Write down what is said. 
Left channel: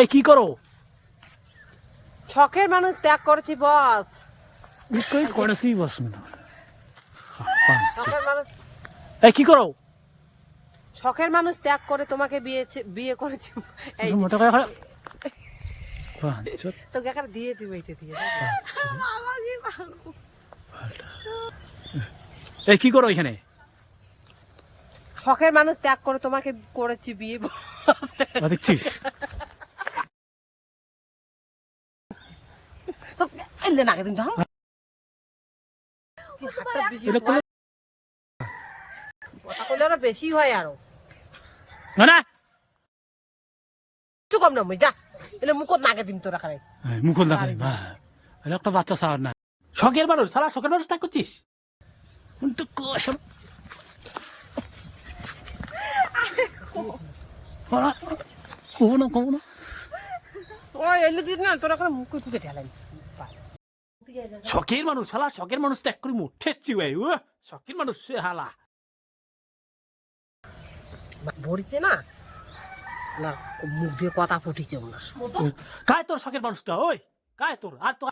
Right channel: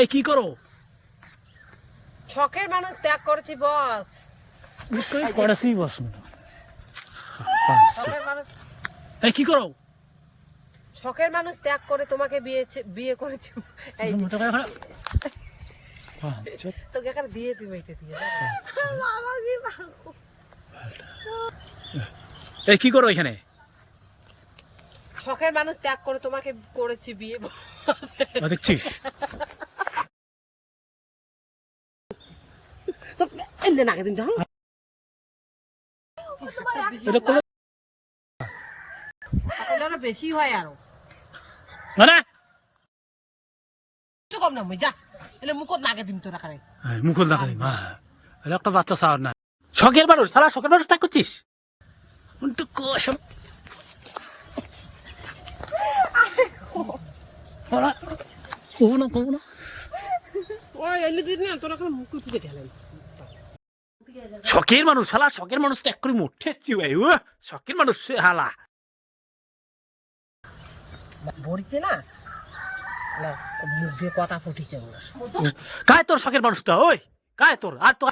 এই কি করো? শখের মানুষ ত্যাগ করেছি বস। করেছি বস। শখের মানুষ এই কি করো? শখের মানুষ ত্যাগ করে তোমাকে বিয়ে করেছি। এই মতো করে তোকে এখানে দিয়েছি বইতে দিয়ে। এই কি করো এখানে? শখের মানুষ ত্যাগ করে তোমাকে করেছি বিয়ে। দেখছিস তো এনে নাকে দিন দাও। বেশি হয় আরো মানে একটু কম না যা এলে মুখত নাকে দিন তোরা খারাই মুখল না খালি একটা বাচ্চা সার না। শখের মানুষ সারা শখের মানুষ ত্যাগ করছিস? কমো না কমো না। ওই এলে দিন না তোরা করে মুখ টুকে ঢেলাই। শখের মানুষ হালা, শখের মানুষ ত্যাগ করে মুঠেছি ভাই। শখের মানুষ হালা ভরিছে না মুখ দিয়ে কথা ফুটিছে ওনার। কায় তোর শখের মানুষটা? ওই কায় তোর? আর তো